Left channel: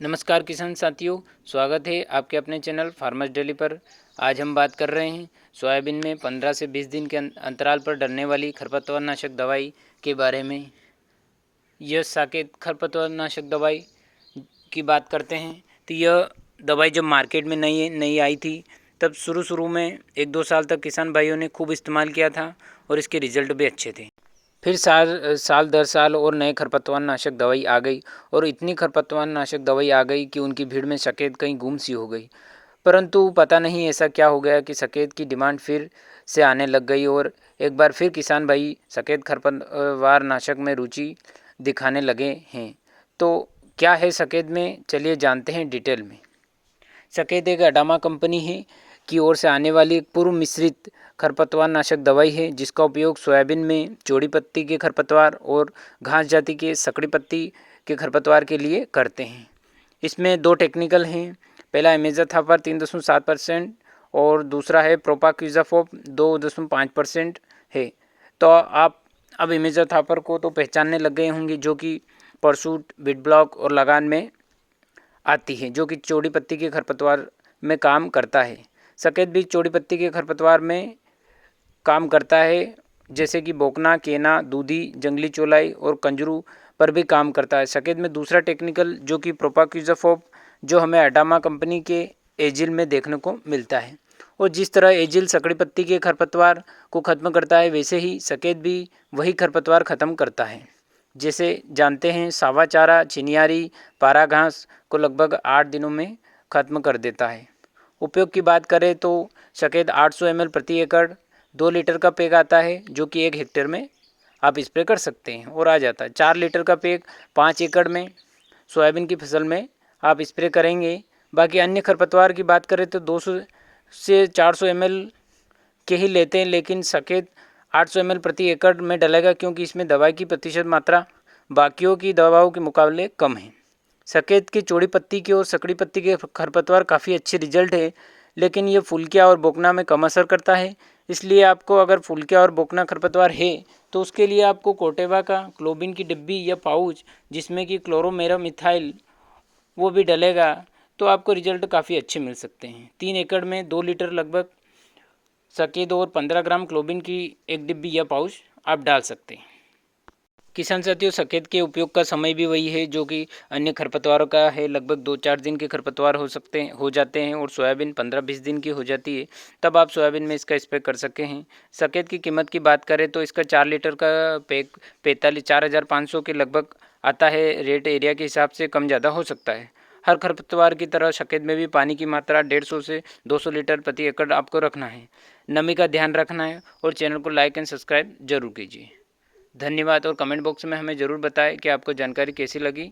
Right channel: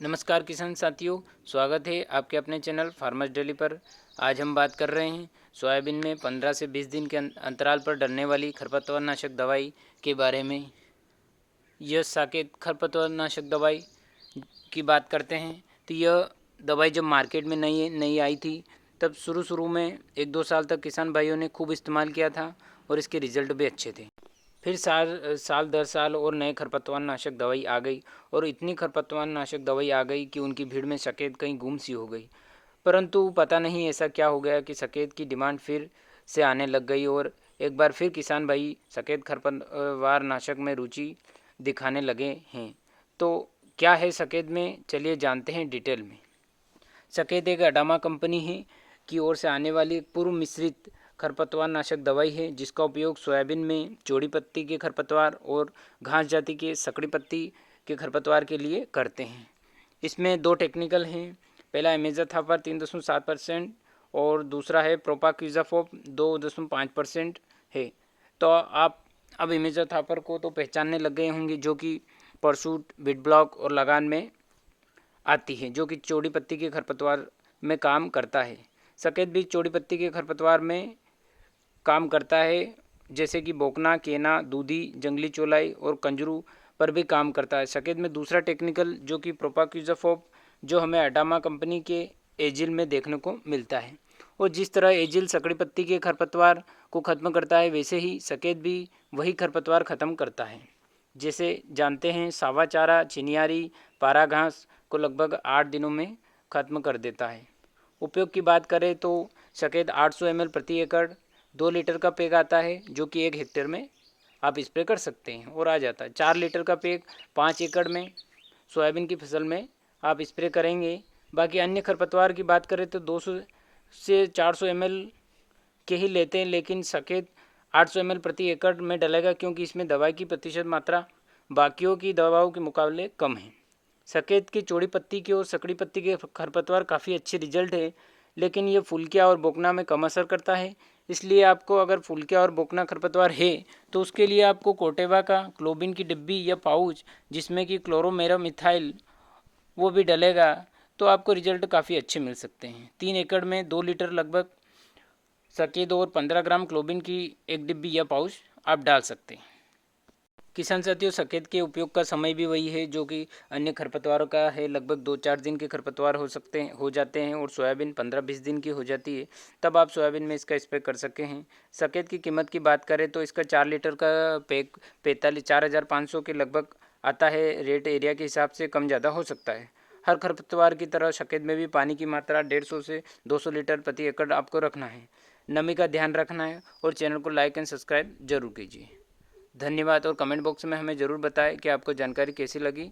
नमस्कार किसान साथियों, स्वागत है आपके अपने चैनल फार्मर्स डेली पर। आज हम बात कर रहे हैं सोयाबीन में 15 से 20 दिन के अंतराल पर डलने वाली खरपतवार नाशक दवाई के बारे में। यह साकेत खरपतवार नाशक दवाई की बात करते हैं तो यह दवाई जब मार्केट में नई आई थी तब शुरू में 1-2 साल तक किसान भाइयों ने खूब इस्तेमाल किया था और इसके रिज़ल्ट भी अच्छे थे। फिर साल दर साल और नए खरपतवार नाशक दवाई आ गई और इतनी खरपतवार नाशक दवाई आ गई कि उनकी भीड़ में सकेत कहीं गुम सी हो गई। परंतु पता नहीं ऐसा क्या हो गया कि सकेत की डिमांड फिर से आने लग गई और एक बार फिर किसान भाई सकेत खरपतवार नाशक में रुचि दिखाने लगे हैं। तो क्या है सकेत में, चलिए जानते हैं डिटेल में। सकेत एक अडामा कंपनी है की ओर से आने वाली एक पूर्व मिश्रित खरपतवार नाशक दवाई है जिसका उपयोग सोयाबीन में चौड़ी पत्ती के खरपतवार और घास जाति के सकड़ी पत्ती के खरपतवार के लिए करते हैं। इसमें 2 टेक्निकल हैं। पहला इमेज़ाथापर 3.7% और दूसरा है प्रोपाक्विज़ाफोप 2.5% है। तो आप अब इमेज़ाथापर को तो पहचानने लग गए होंगे, जो कि परसूट, बिट ब्लॉक और लगान में आती है, जो कि चौड़ी पत्ती के खरपतवार में काम करता है। सकेत भी चौड़ी पत्ती के खरपतवार में काम करता है, जैसे कि बोकना, केना, दूधी, जंगली चौलाई और कंजरू पर भी काम करता है। सकेत में दूसरा टेक्निकल जो कि प्रोपाक्विज़ाफोप, जो हमें अडामा कंपनी के एजिल में देखने को मिलता है। और जिस तरह एजिल सकड़ी पत्ती के खरपतवार को ख़त्म करता है, वैसे ही सकेत भी वही खरपतवार ख़त्म करता है। जैसे जानते हैं, सावा चारा, चिनियारी, पारा घास को लगभग 8 दिनों में ख़त्म कर देता है। उपयोग की बात करें तो सकेत 800 ml प्रति एकड़ 2 लीटर का पैक आता है, जो कि 1 हेक्टेयर में आप स्प्रे कर सकते हैं और आ जाता है। 4 लीटर का पैक 5 एकड़ में सोयाबीन की फसल में आप स्प्रे करेंगे। बाकी अन्य खरपतवार की बात करें तो 200 से 400 ml के ही लेते हैं, लेकिन सकेत 800 ml प्रति एकड़ में डलेगा, क्योंकि इसमें दवाई की प्रतिशत मात्रा बाकियों की दवाओं के मुकाबले कम है। सकेत की चौड़ी पत्ती के और सकड़ी पत्ती के खरपतवार काफ़ी अच्छे रिजल्ट है, लेकिन ये फुलकिया और बोकना में कम असर करता है। इसलिए आपको अगर फुलकिया और बोकना खरपतवार है तो उसके लिए आपको कोटेवा का क्लोबिन की डिब्बी या पाउच, जिसमें कि क्लोरोमेरामिथाइल वो भी डलेगा, तो आपको रिजल्ट काफ़ी अच्छे मिल सकते हैं। 3 एकड़ में 2 लीटर लगभग सकेत और 15 ग्राम क्लोबिन की एक डिब्बी या पाउच आप डाल सकते हैं। किसान साथियों, सकेत के उपयोग का समय भी वही है जो कि अन्य खरपतवारों का है। लगभग 2-4 दिन के खरपतवार हो जाते हैं और सोयाबीन 15-20 दिन की हो जाती है, तब आप सोयाबीन में इसका स्प्रे कर सके हैं। सकेत की कीमत की बात करें तो इसका 4 लीटर का पैक 4,500 के लगभग आता है। रेट एरिया के हिसाब से कम ज़्यादा हो सकता है। हर खरपतवार की तरह सकेत में भी पानी की मात्रा 150 से 200 लीटर प्रति एकड़ आपको रखना है। नमी का ध्यान रखना है और चैनल को लाइक एंड सब्सक्राइब जरूर कीजिए। धन्यवाद और कमेंट बॉक्स में हमें ज़रूर बताएं कि आपको जानकारी कैसी लगी।